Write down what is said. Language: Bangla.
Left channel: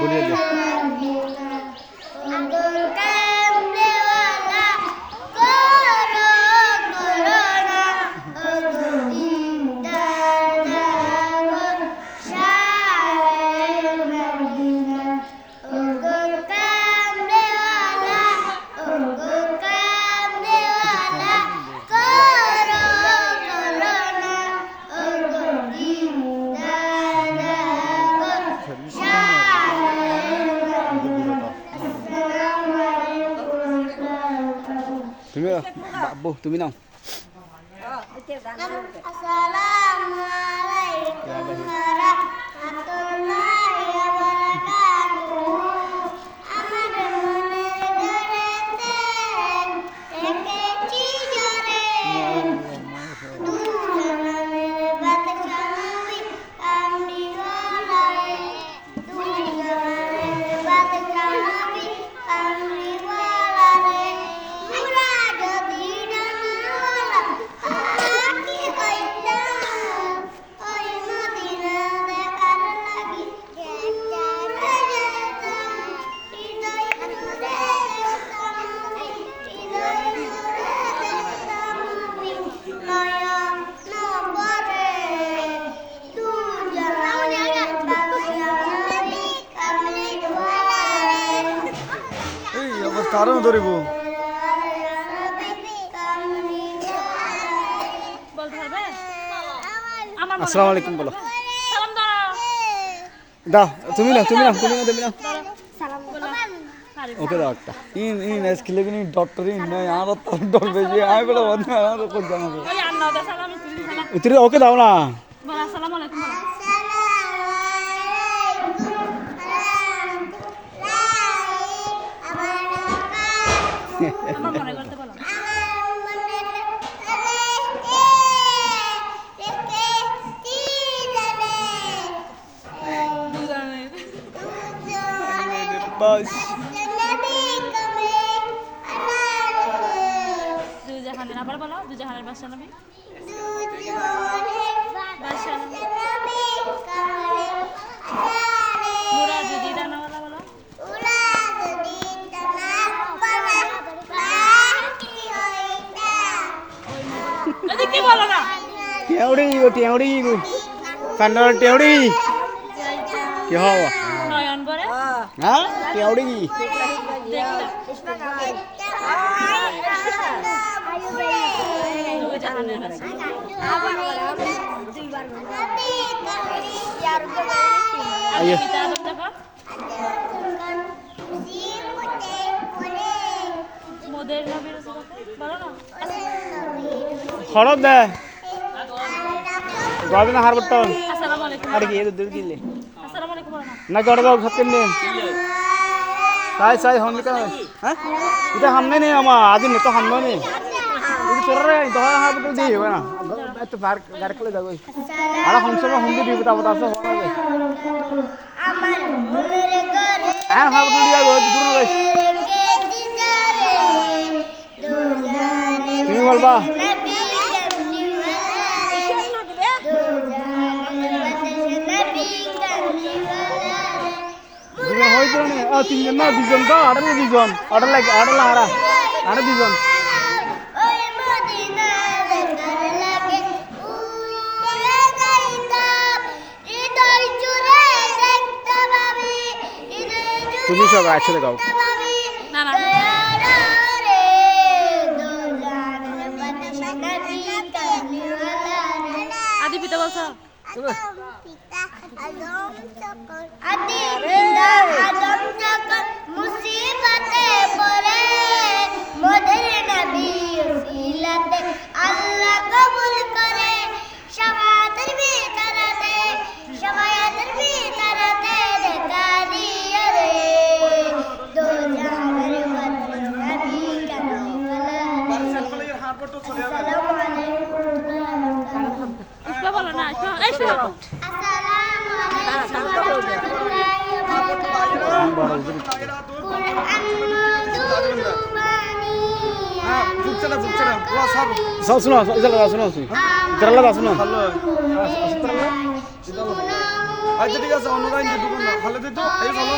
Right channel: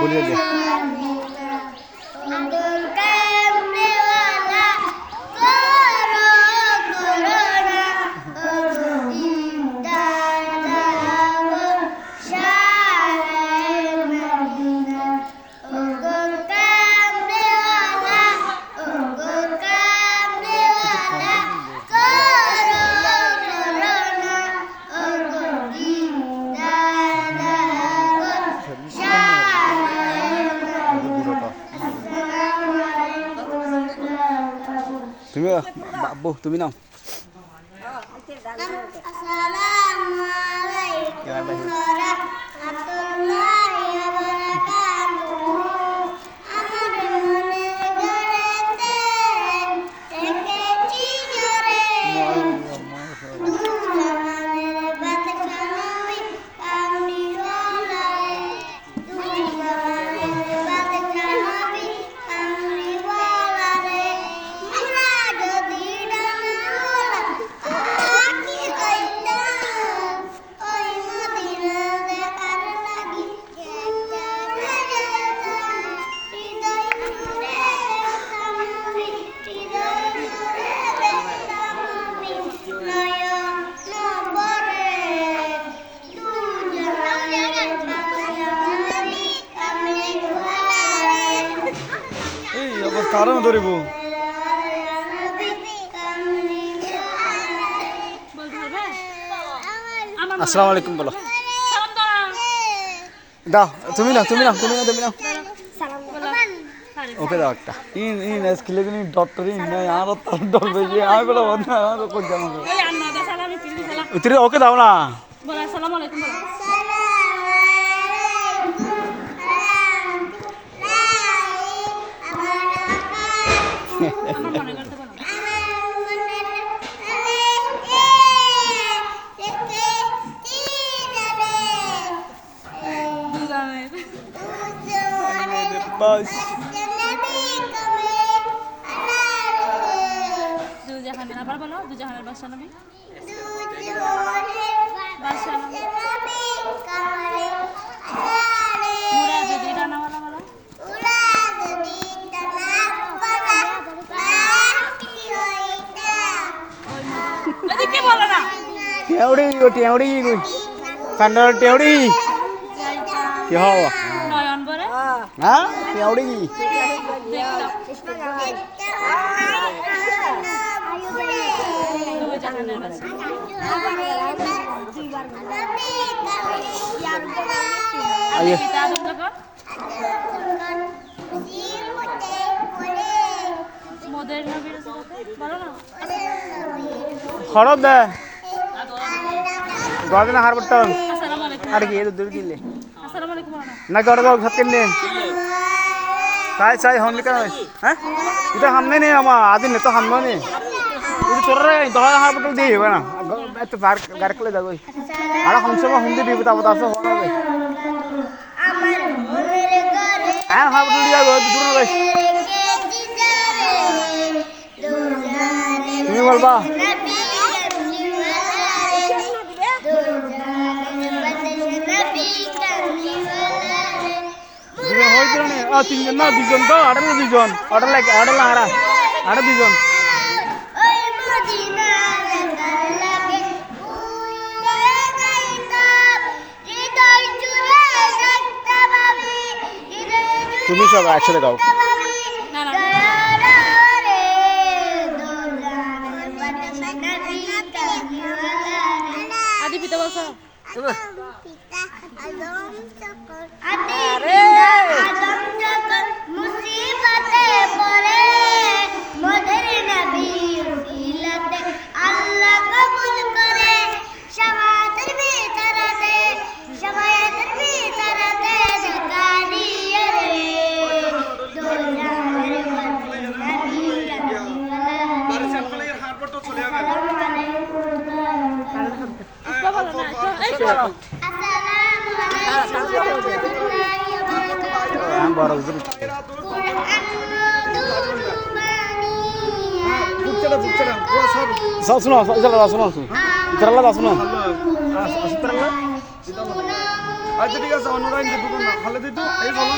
বলিয়ে দে তুমি বাবু তুমি নাও Assalamualaikum warahmatullahi wabarakatuh. Amar mone garete tekeci jore. Dunjane bat kanui kami walare. Dunjane bat kanui kami walare. Mura jodi dana aki hoita. Oi Madina dekar lagi. এই অবস্থা আরো ধরিব আসসালামু আলাইকুম বলো দাও তুমি নাও তুমি নাও তুমি নাও তুমি নাও ওকে দাও একটা ইন ইন স্কিলে কিনি ডক্টর ইন না আর তার ডর বেজে আমি বলে বন্ধ আর কই জানো উতরে ওকে দাও না বলো আসসালামু আলাইকুম বলো আমার মনে করতে বলো বাস দুজাহানের আবার বলো দুজাহানের বাদশা নবী বাদশা নবী মুরাজুদ্দিন ডানাওয়ালা বলো এদিকে বলো না টেউড়ি গো টেউড়ি গো কান্ডর টেউড়ি কি হওয়া নয়ন বরে হ্যাঁ টেউড়ি দুজাহানের বাদশা আইয়ে পিতা আদম যখন মোদের নবীর বলো না খরচ দে গদিন হার বটন আসসালামু আলাইকুম আর কি এর দূর দিলে আসসালামু আলাইকুম বলো না না গড় দাও ভাত কিনে চাই চাই হন লিখা হ্যাঁ এটা হামনে নেই আমা আদিন তো হামনে নেই ಇದು ಚೊರ್ರೆ ದೊಡ್ಡ ಹಾಕ್ಬಿಟ್ಟು ದಿ ಬೇಡ ಆಯ್ತು ಬಾರ್ ಗಾರ್ಕಲೆ ದಾಗೋ ಆಳ ಹಂಸಮ ಹುಂದಿ ದಿ ಬತಾ ಬತಾ ಸೋ ಹೋನೆ ಆ ಹಾಕ್ಬಿಟ್ಟು ದಿ ಆಗೋ ದೂರ ಹೋಗೈ তুমি বলবা তুমি হইতো না তিনজন না দুজন তো আড়ে দুজন অর্ডার লাগে অর্ডার লাহারা আড়ে দুজন তুমি সব একসাথে গাও না না আদি পিতা বলছো মুসিবতে পড়ে মোদের নবী সিলাতে আল্লাহ কবুল করে শাহাদাতের ভিতরতে শাহাদাতের ভিতরতে দেখারিয়ে রে দোজানের মধ্যে নবী ইসবা বলো না এই শোনো আমি বড় উজুর আসসালামু সব শুনো ইতালা শুনো ইতালা শুনো আচ্ছা ঠিক আছে অন্য গাড়ি দোকান না খালে দিত এই ভালো